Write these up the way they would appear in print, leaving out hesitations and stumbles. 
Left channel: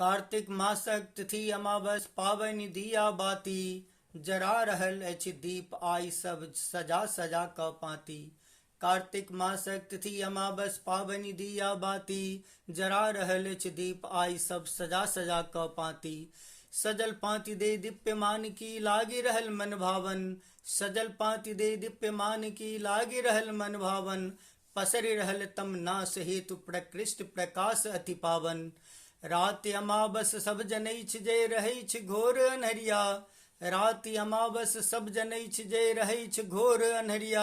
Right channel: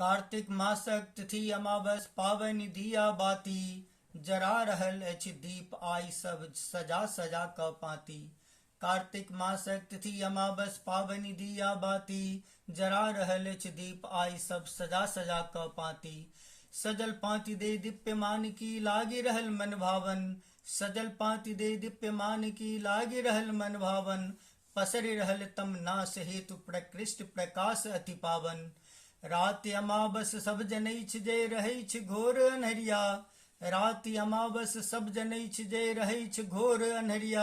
Kartik mask तिथि अमावस पावनि दिया बाती, जरा रहल अछि दीप आई सब सजा सजा क पाती। कार्तिक मासक तिथि अमावस पावनि दिया बाती, जरा रहल अछि दीप आई सब सजा सजा क पाती। सजल पाती दे दीप्यमान की लागे रहल मन भावन, सजल पाती दे दीप्यमान की लागे रहल मन भावन। पसरि रहल तम नास हेतु प्रकृष्ट प्रकाश अति पावन। राति अमावस सब जनई छ जे रहै छ घोर अन्हरिया, राति अमावस सब जनई छ जे रहै छ घोर अन्हरिया।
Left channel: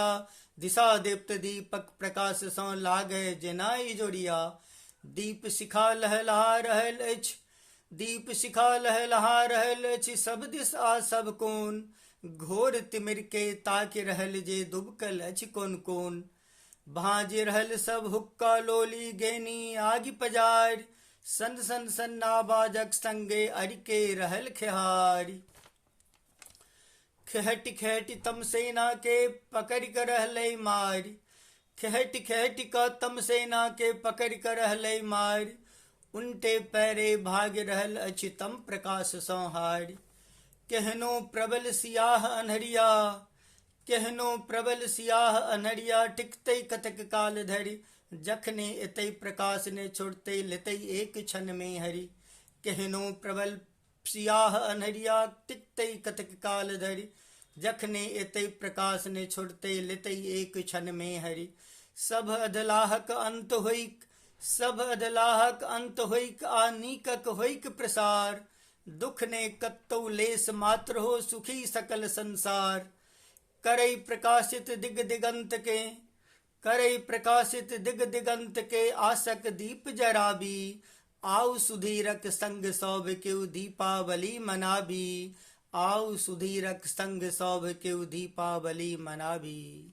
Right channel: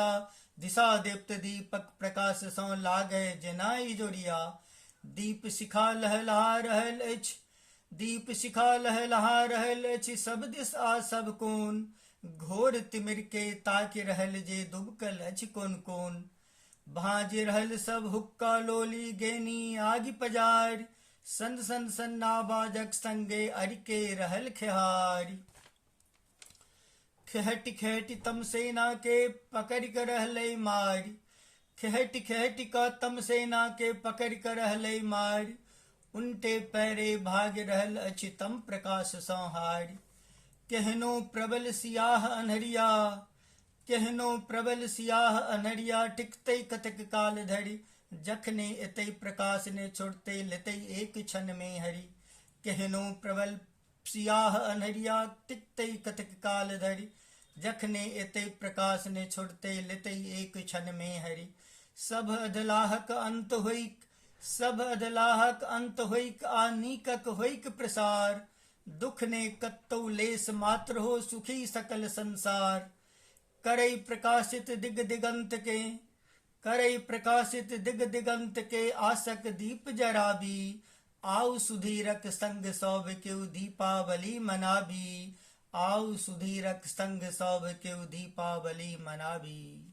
दिशा दीप्त दीपक प्रकाश सँ लागे जेनाई जोड़िया। दीप शिखा लहलहा रहल अछि, दीप शिखा लहलहा रहल अछि सब दिस आ सब कोन। घोर तिमिर के ताकि रहल जे दुबकल अछि कोन कोन। भांज रहल सब हुक्का लोली गेनी आगि पजारि, सन सन सन आवाजक संगे अरिके रहल खेहारि। खेहटि खेहटि तम सेना के पकड़ि क रहलै मारि, खेहटि खेहटि क तम सेना के पकड़ि क रहलै मारि। उनटे पैरे भागि रहल अछि तम प्रकाश सँ हारि। केहनो प्रबल सियाह अन्हरिया, केहनो प्रबल सियाह अन्हरिया टिकतै कतेक काल धरि। जखने एतै प्रकाश ने छोड़तै लेतै एक क्षण में हरि। केहनो प्रबल सियाह अन्हरिया टिकतै कतेक काल धरि। जखने एतै प्रकाश ने छोड़तै लेतै एक क्षण में हरि। सब अधलाहक अंत होइक, सब अधलाहक अंत होइक आ नीकक होइक प्रसार। दुख ने कतौ लेस मात्र हो सुखी सकल संसार। करई प्रकाशित दिग दिगंत के, करई प्रकाशित दिग दिगंत के आसक दीप जराबी। आउ सुधीरक संग सब केउ दीपावली मनाबी, आउ सुधीरक संग सब केउ दीपावली मनाबी।